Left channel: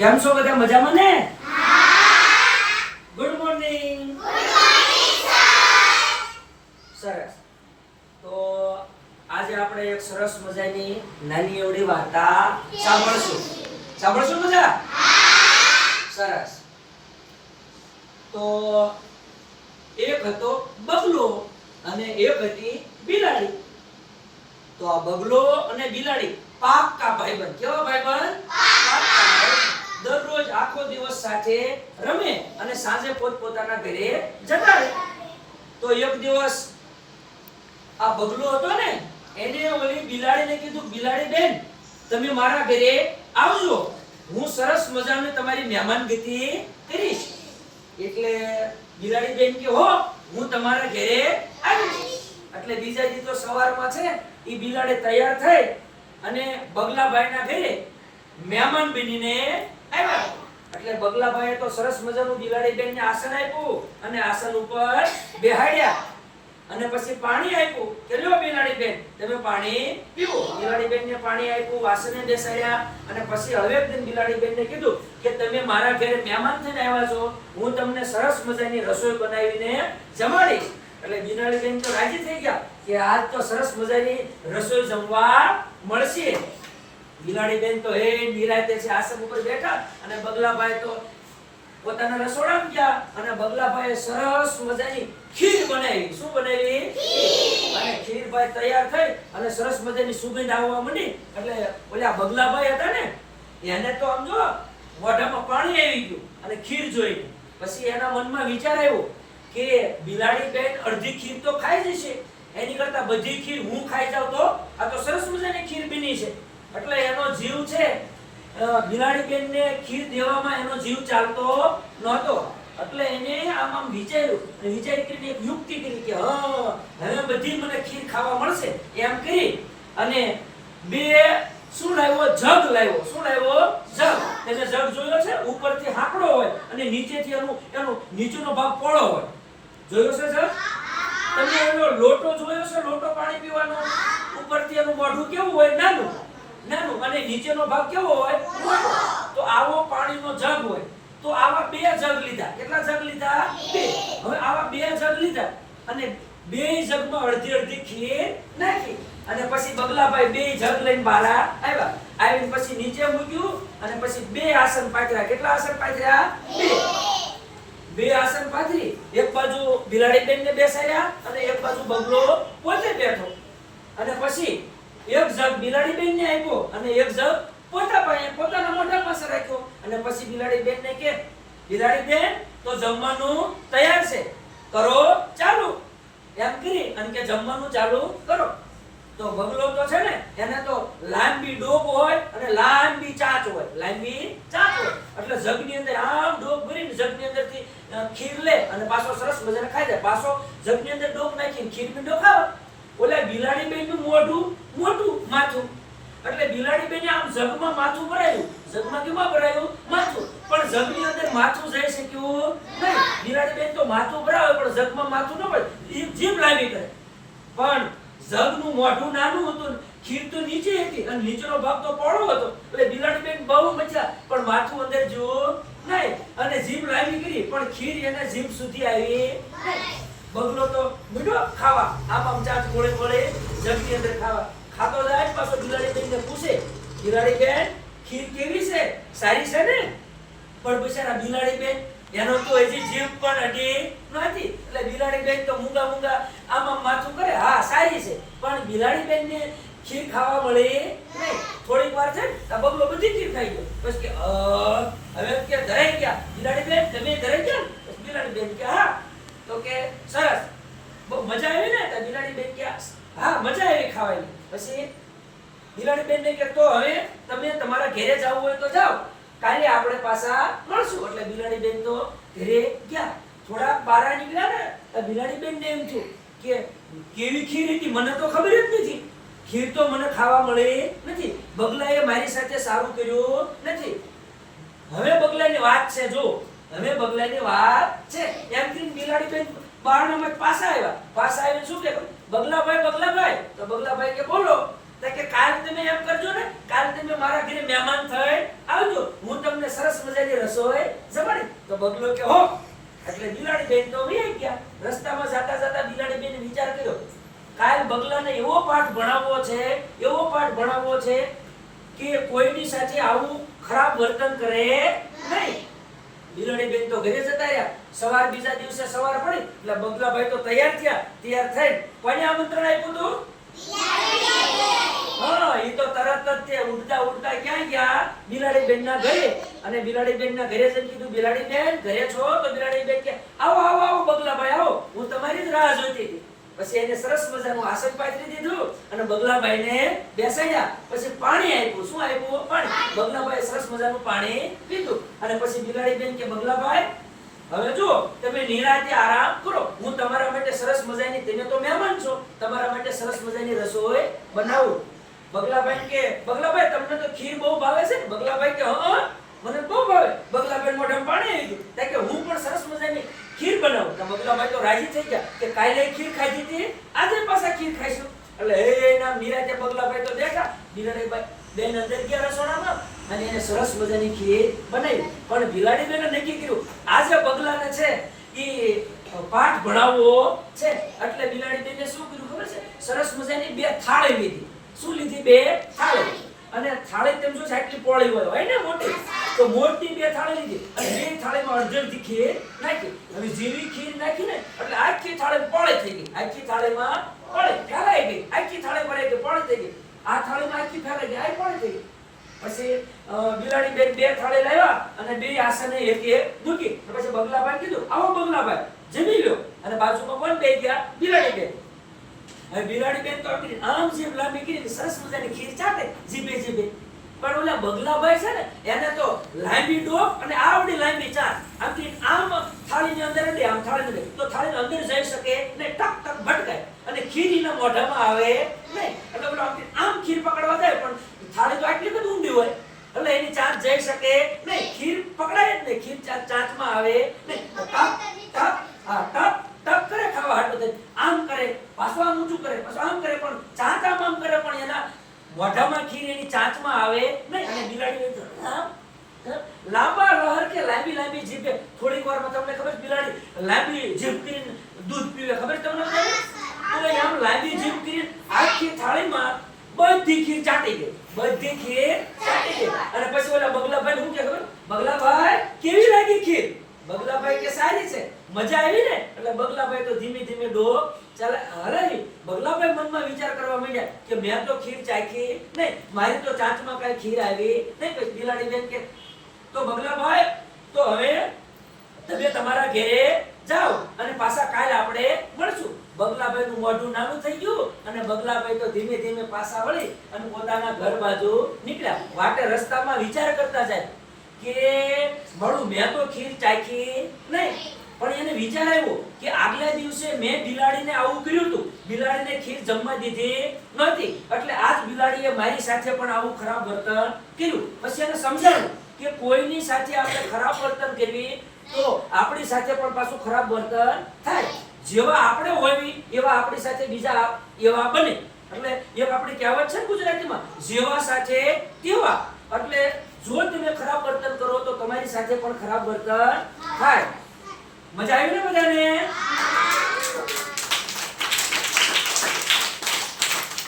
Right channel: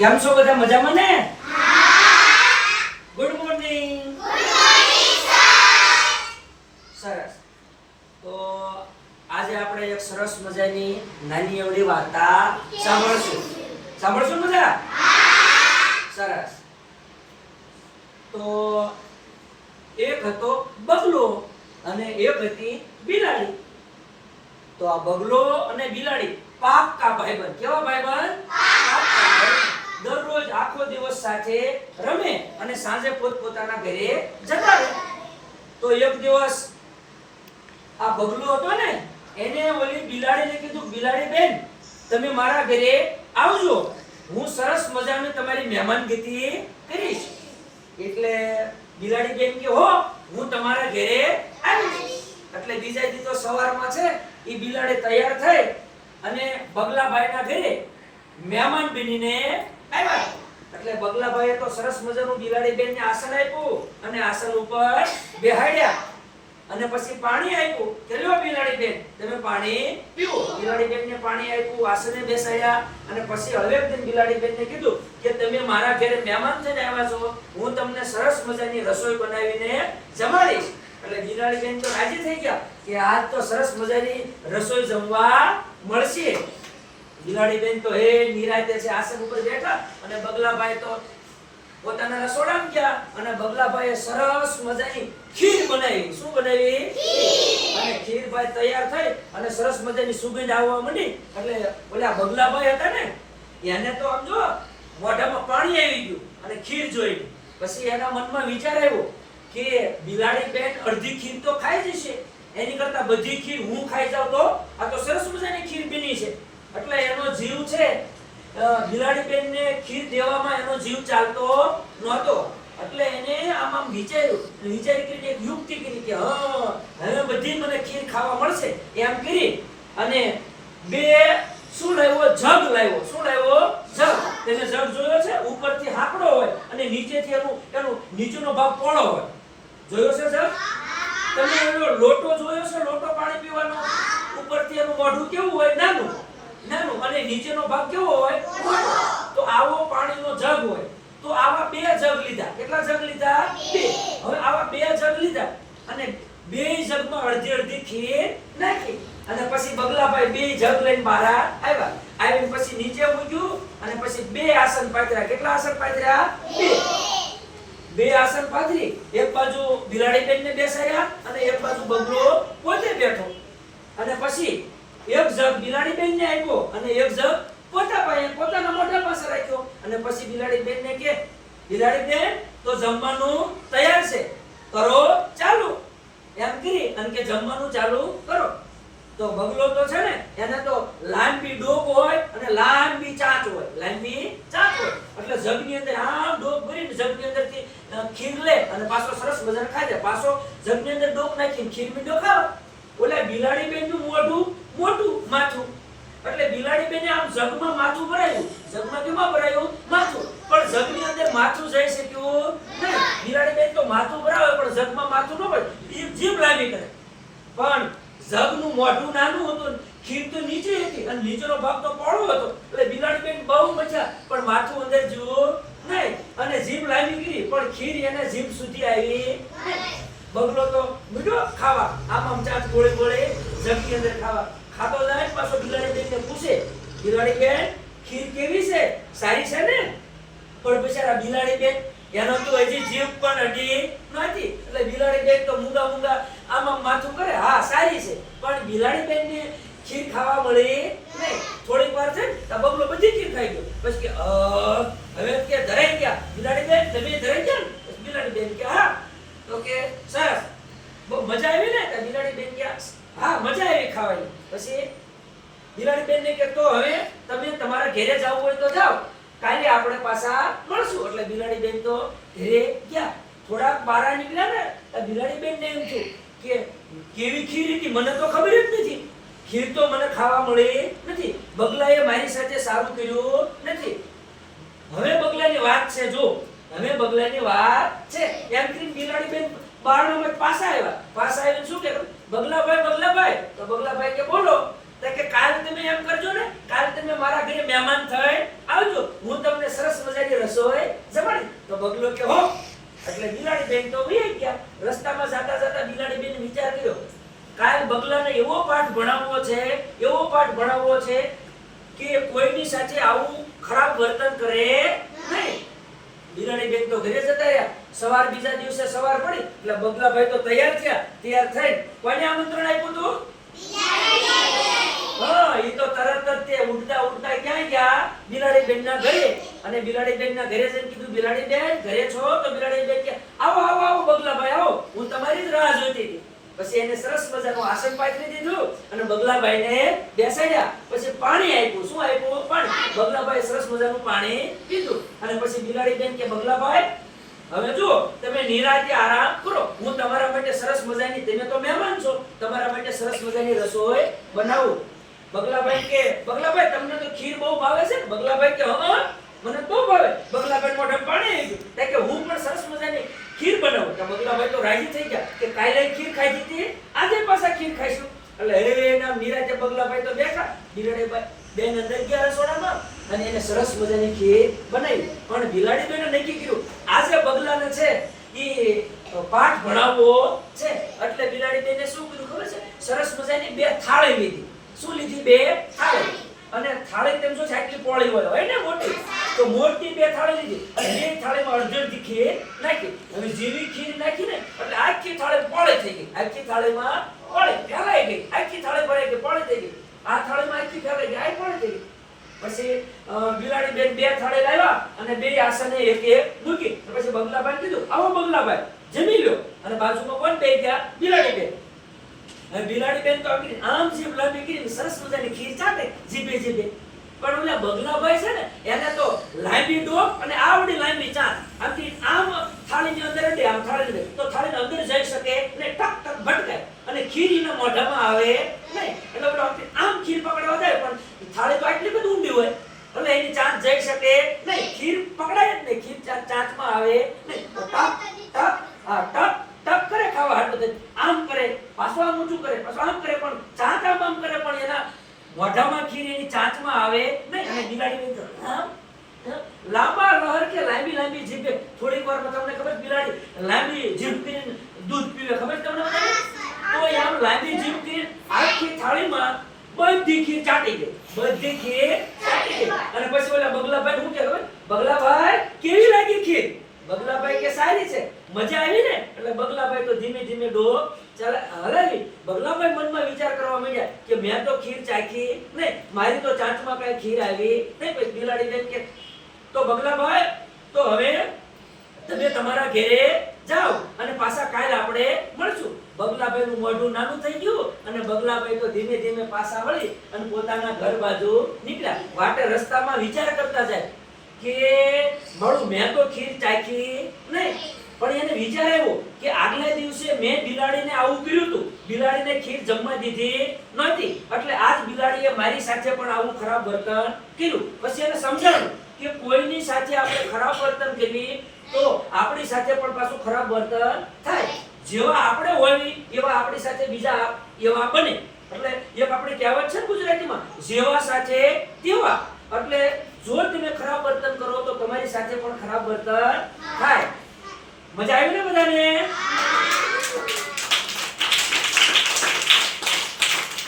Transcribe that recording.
કેમ છો બધા મજામાં ને? ગુડ મોર્નિંગ સરસ. તો આજે આપણે એક સરસ મજાની નાની એવડી વાર્તા સાંભળશું. સાંભળશું બધા? સરસ. તો એક હતો બગલો અને એક હતી બિલાડી. તો આ બગલો અને બિલાડી પાક્કા ભાઈબંધ. કેવા ભાઈબંધ? પાક્કા ભાઈબંધ. દરરોજ આખો દિવસ સાથે રમે અને સાંજે પોતપોતાના ઘરે જતા રહે. તો એક દિવસ આ બગલો હતો ને, એને ઓલી બિલાડીને કીધું, બિલાડી બેન, તમે મારા ઘરે આવજો. હું સરસ મજાની તમારી મહેમાનગતિ કરીશ. એટલે બિલાડી બેન કે, હો, હું તમારા ઘરે આવીશ. એટલે બીજા દી તો સવારમાં છે એ બિલાડી તૈયાર થઈ અને બગલાભાઈના ઘરે મહેમાન બનીને આવ્યા? એટલે બગલાભાઈએ તો સરસ મજાનું બિલાડી બેનને આસન આપ્યું અને આસન ઉપર બેહાડ્યા. અને પછી પાણી આપ્યું. કે લ્યો બિલાડી બેન તમે પાણી પીવો. બિલાડી બેનને પાણી આપ્યું, આસને બેસાડ્યા. અને પછી હવે બિલાડી બેનને કીધું કે તમે મારા ઘરે મહેમાન થઈને આવ્યા છો. હું તમને સરસ મજાની રસોઈ બનાવીને જમાડીશ. એટલે બિલાડી બેન તો રાજી થઈ ગયા કે આજ તો સરસ મજાની રસોઈ જમવા મળશે. બિલાડી બેન તો હે નિરાતે છે આસન ઉપર બેઠા અને બગલાભાઈ તો પોતાના રસોડામાં ગયા અને બગલાભાઈએ સરસ મજાની ખીર બનાવી. શું બનાવી? અને ખીર ભાઈ તૈયાર થઈ અને સરસ મજાની સુગંધ આવવા માંડી. એટલે ઓલા બગલાભાઈ હતા ને એને તો આમ જો મોઢામાં પાણી આવી ગયું અને ખીર જોઈ. પછી એના મનમાં વિચાર આવ્યો કે બિલાડી બેન અડધી ખીર તો ખાઈ જશે. એની કરતા બધી ખીર હું ખાઈ જાઉં તો આ તો સરસ મજાની ખીર બની છે એટલે એનો જીવ છે અ, બિલાડી બેનને ખીર દેવામાં એનો જીવ ચાલતો નહોતો. એટલે એને આમ વિચાર્યું વિચારી કરીને એક યુક્તિ કરી કે હવે બધી મને ખીર ખાવા મળશે. એમ કરી અને બે શું લાવ્યો? જગ લાવ્યો. શું લાવ્યો? જગ. તેને જગ જોયો છે, ઉપરથી હાકડો હોય અને નીચેથી એનું એનું નીચેનો ભાગ પોળો હોય. જોયો છે જગ? તમે એનો લોટો જોયો છે, લોટો પાણી પીવાનો? ઉપરથી એનું મોઢું કેવું હોય? નાનું. નાનું. અને નીચેનો ભાગ કેવો હોય? મોટો પાણીનો જગ હોય, તો આવા બે જગ લીધા. કેટલા જગ લીધા? બે. હવે આવા બે જગ લીધા અને બે જગમાં અડધી અડધી ખીર નાખી. અને પછી બગલાભાઈ બે જગ લઈને બહાર આવ્યા. આવીને પછી નીચે મૂક્યું અને પછી બે આસન પાથર્યા. કેટલા આસન પાથર્યા? બે. બે આસન પાથરી. એક બાજુ બિલાડી બેનને બેસાડ્યા અને એક બાજુ બગલો પોતે બેઠો. અને પછી એક જગ બિલાડી બેનને આપ્યો અને એક જગ પોતા પાસે પોતાના મોઢા પાસે રાખ્યો. અને પછી બિલાડી બેન ને કે બિલાડી બેન તો જમવાનું તૈયાર છે. કરો, ચાલુ. એમ કરી અને કે, જમવાનું ચાલુ કરો. તો બગલો તો છે ને, એને તો લાંબી ડોક હોય અને લાંબી ચાંચ હોય. લાંબી ચાંચ હોય. એટલે જગની અંદર આમ ડોક ભરીને જગની અંદરથી ખીર લે અને પાછો સરસ મજાને ખાઈ દે. પાછો જગની અંદર ડોક નાખીને ખીર મીઠો ખાવ. ઓલા બિલાડી બેનનું મોઢું મોટું માથું એટલે બિલાડી બેને આમ જગમાં માથું ભરાયું. જગમાં કેમાં ભરાયું? માથું. પણ જગની અંદર માથું જઈ શક્યું નહીં. બિલાડી બેન તો માથું ભરાવે, પણ જગમાં માથું ન ભરે એ જીભ લાંબી કરે. પણ જગનું મોઢું નાનું હતું. ખીર તો નીચે હતી અને નીચેનો ભાગ તો પહોળો હતો. એટલે બિલાડી બેન બહુ મજા પણ માથું અંદર જુઓ નહીં. અને જીભ લાંબી કરી, પણ ખીર એને જીભ સુધી આવી બગલો તો મીઠો ખાવા. આમ આમ ચાટ ગોળે ગોળે જગની અંદર પાછો પૂછે, બિલાડી બેન, ખીર કેવી છે? સારી છે ને? પણ બિચારા બિલાડી બેન, એનો તો હજી જીભ પણ અડી નથી. એટલે બિલાડી બેન તો મૂંગા મૂંગા આમ માથું કરે. હા, સારી છે. પણ બિલાડી બેન ને ખીર ખાવા મળે નહીં. થોડીક વાર છે ને તો બગલો બધી ખીર ખાઈ ગયો. પછી કે હવે કે, ધરાઈ ગયા. બિલાડી બેન, તમે ધરાઈ ગયા બિલાડી બેન કે, હા. તો કે, સરસ. બહુ મજા આવી ને? બિલાડી બેન કે, હા, મજા આવી ખાવાની. પછી બિલાડી બેન ને કે તો હવે તમે તમારા ઘરે જવું હોય તો જાઓ. કાલે આપણે પાછા મળશું. એટલે બિલાડી બેન તો ઘરે ગયા. થોડા બારા નીકળ્યા ને, તો બિલાડી બેન ને એમ થયું કે, કેવી ખીર હતી? મને તો ખબર જ નથી. ખીર તો મને ખાવા મળે નથી. બગલાએ મારી સાથે સારું કર્યું નથી. હવે બગલાની વાત છે, જો. હવે બગલાની વાત છે. એમ કરીને બિલાડી બેન બારણામાં પાછા આવ્યા. પાછા આવીને શું કે, બગલાભાઈ બગલાભાઈ. તો બગલાભાઈ કે બોલો કે કાલ તમે એમ કરજો ને, કાલ તમે મારા ઘરે મહેમાન થઈ આવજો. હું તમને સરસ મજાની રસોઈ જમાડી તો બગલો કે હો, એટલે બિલાડી બેન તો વહી ગયા. રસ્તામાં જતા જતા બિલાડી બેન વિચાર કર્યો, કાલ બગલાને એવો પાઠ ભણાવવો છે, એવો પાઠ ભણાવવો છે કે કોઈની સાથે આવું ખરાબ વર્તન કરે નહીં. બિલાડી બેન તો ઘરે જતા રહ્યા. સવાર બીજા દિવસે સવાર પડી, એટલે બગલાભાઈ તો તૈયાર થયા, તૈયાર થઈ કોને આમંત્રણ આપ્યું તું બગલાભાઈ સરસ મજાનું પાણી પીધું. અને પછી બિલાડી બેન કે, બગલાભાઈ, હવે જુઓ, તમે નિરાંતે આરામ કરો. હું તમારા માટે સરસ મજાની, તમે તો મહેમાન છો, તમારા માટે સરસ મજાની રસોઈ બનાવું. બગલાભાઈ કે, બગલાભાઈ, તમને તો ખીર બહુ ભાવે છે બગલાભાઈ કે, હા મને બહુ ભાવે. બગલાભાઈ મોઢામાં પાણી આવી ગયું. કે, હું પણ સરસ મજાની ખીર બનાવું. તો બગલાભાઈ તો રાજી થઈ ગયા કે, કાલે ખીર ખાધી હતી આજે પાછા ખીર ખાઈશું. એટલે હે ના નિરાંતે બગલાભાઈ તો દેખા બિલાડીભાઈ બેન અંદર ગયા રસોડામાં અને એને સરસ મજાની ખીર બનાવી. પણ બિલાડી બેને નક્કી કર્યું આજે બગલાને છે એ પાઠ ભણાવવો છે. એટલે બિલાડી બેને શું કર્યું ખબર છે? સરસ મજાની બે થાળી લીધી. શું લીધી બે થાળી? અને થાળી તેમ શું સાચી પોળી હોય હોય ને મોટી? તો મોટી બે થાળી લીધી. અને બે થાળીમાં અડધી ખીર નાખી. હવે જેવી ખીર નાખી ને, એટલે આખી થાળી પોળે થઈ ગઈ. આખી થાળીમાં પોળે, ફેલાઈ ગઈ. આખી થાળી ભરાઈ ગઈ પોળે થઈ ગઈ. આ થાળીમાં આખી ફેલાઈ ગઈ. આ પોળે થઈ ગઈ. પછી બિલાડી બેન બે થાળી લાવ્યા અને બે આસને એક એક મૂકી. પછી બગલાભાઈ કીધું, આવો બગલાભાઈ જમી લ્યો. અને બાજુમાં કોણ બે ગયા? બિલાડી બેન હવે બેન તો આમ જીભ લાંબી કરી સરસ મજાની ખીર ચાટે જીભે જીભે પણ ઓલા બગલાભાઈ છે ને, એને તો લાંબી ડોક અને આવડી લાંબી ચાંચ. આમથી આમ થાળીની અંદર અડે, આમ અંદર. તો થાળીની અંદર જઈ શકે ને ટક ટક ભટકાય. અને ખીર એના મોઢામાં આવે નહીં એટલે ઓલો આમ ખીર પકડવા જાય, પણ થાળી તો આટલી બધી ઊંડી હોય. એટલે એની ચાંચ જઈ શકે નહીં ખીર પકડાય જ નહીં ખીર ચાંચમાં આવે નહીં ટક ટક, હા, ટક. ખાવા હાટું થઈ આમ કરે, પાછું ઊંચું કરે, પાછું આમ કરે, પણ ચાંચ આમ કરે, પણ એના મોઢામાં ખીર એની ચાંચમાં આવે નહીં, અને બિલાડી લાંબા લહર કે લાંબી લાંબી જીભે, થોડીક વારમાં તમને ખબર બિલાડી, લાંબી જીભ કરીને દૂધ પીવે, ખબર તમને તો આમ લાંબી જીભ કરીને આખી થાળીમાં બધી ખીર ચાટી ગઈ બધી ખીર ચાટી ગઈ. અને પછી ઓલા બગલાભાઈ શું કે ખબર? બગલાભાઈ, કેવી લાગી ખીર? બગલાભાઈ કે સારી છે? મજા આવી ને? એટલે બગલાભાઈ તો ધીમે ધીમે ડોક ચાલે. હલાવી બગલાભાઈ મનમાં વિચાર કરવા માંડ્યા કે મેં તો ખીર ચાખી નહીં, મારી તો ચાંચમાં કાંઈ ખીર આવી નહીં. પછી બિલાડી બેન કે, તો બગલાભાઈ, તો હવે તમે તમારા ઘરે જાઓ અને પાછા કાલ આપણે મળશું. બગલાભાઈ નું મોઢું નાનું થઈ ગયું અને બગલાભાઈ તો ધીમે ધીમે પાછા વળી અને પોતાના ઘર બાજુ નીકળ્યા. વાટે રસ્તામાં વિચાર કરતા જાય. કે મળું. મેં તો ખીર ચાખી નહીં. પણ એને વિચાર આવ્યો કે આગલા દિવસે મેં બિલાડીને આવું કર્યું હતું. બિલાડીને ખીર જમવા દીધી નથી એટલે આજ બિલાડીએ મારી સાથે પણ આવું ખરાબ વર્તન કર્યું. પછી એને સમજાણું કે કોઈની સાથે આપણે ખરાબ વર્તન કરીએ તો આપણી સાથે પણ પાછું ખરાબ વર્તન થાય. જેવા આપણે હોવી એવા આપણી સાથે બીજા એવા બને. એટલે એક આપણી કહેવત છે ગુજરાતીમાં, જેવા સાથે તેવા. એટલે જો તમે ખરાબ વર્તન કરો તો તમારી સાથે પણ ખરાબ વર્તન થાય. મજા આવી ને બધાને?